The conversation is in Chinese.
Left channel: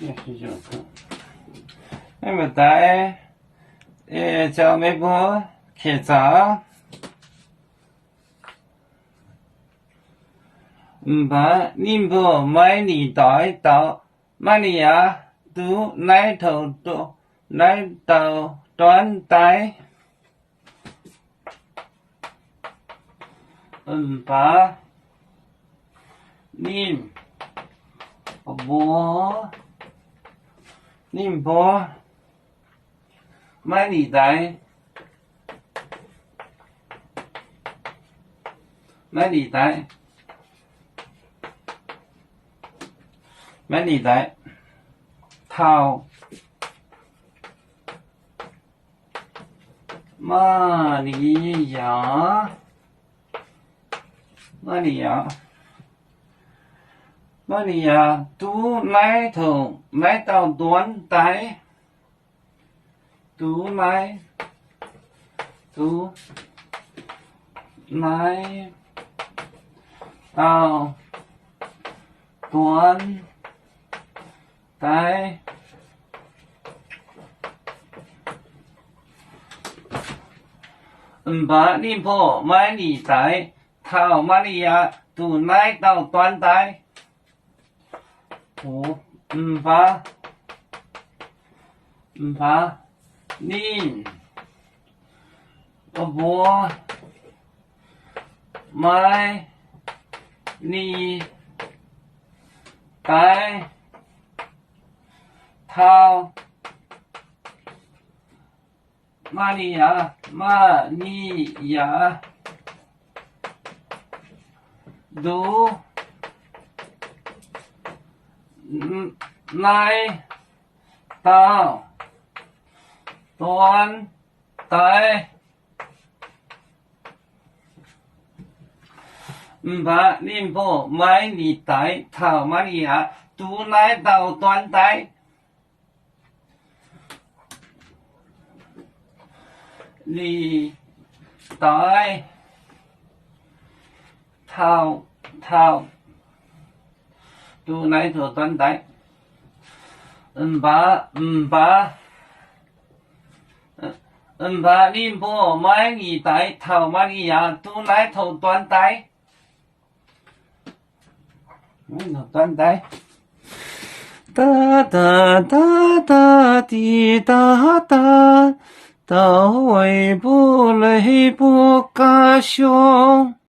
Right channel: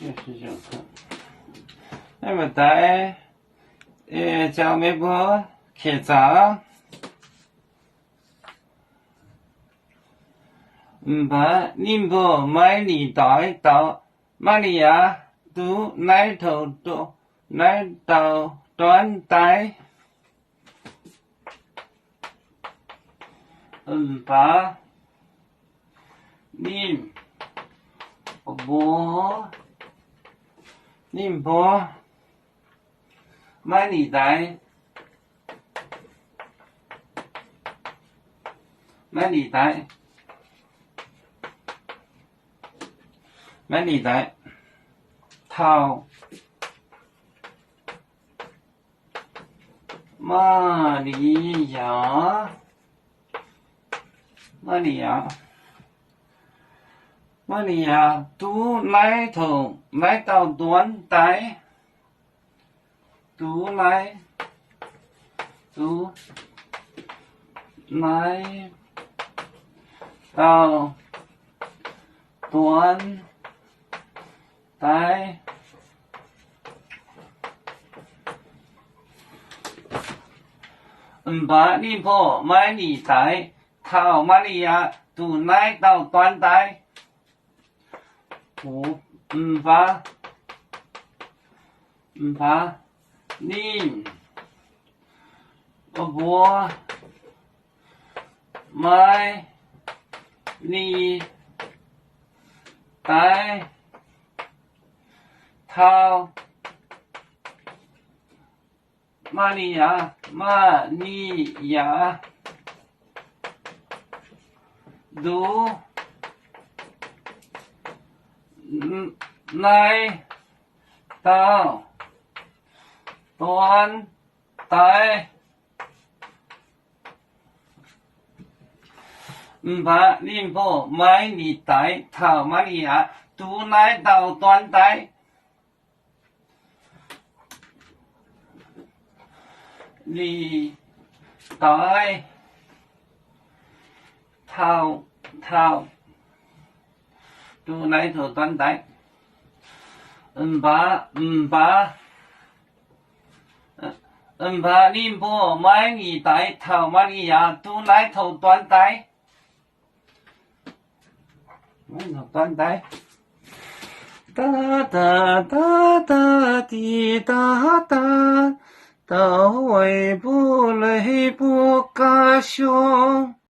也是这个。那么在叫那个开闸，把宁波买你带到马里亚都来头都来到端带，把宁波买你带。买你带套马里亚都来头来到端带，都来到端带，把宁波买你带到马里亚都来到端带，把宁波买你带到马里亚都来到端带，把宁波买你带到马里亚都来到端带，你带套都来到端带，把宁波买你带到马里亚都来到端带，端带。哒哒哒哒滴哒哒，到位不累不嘎凶。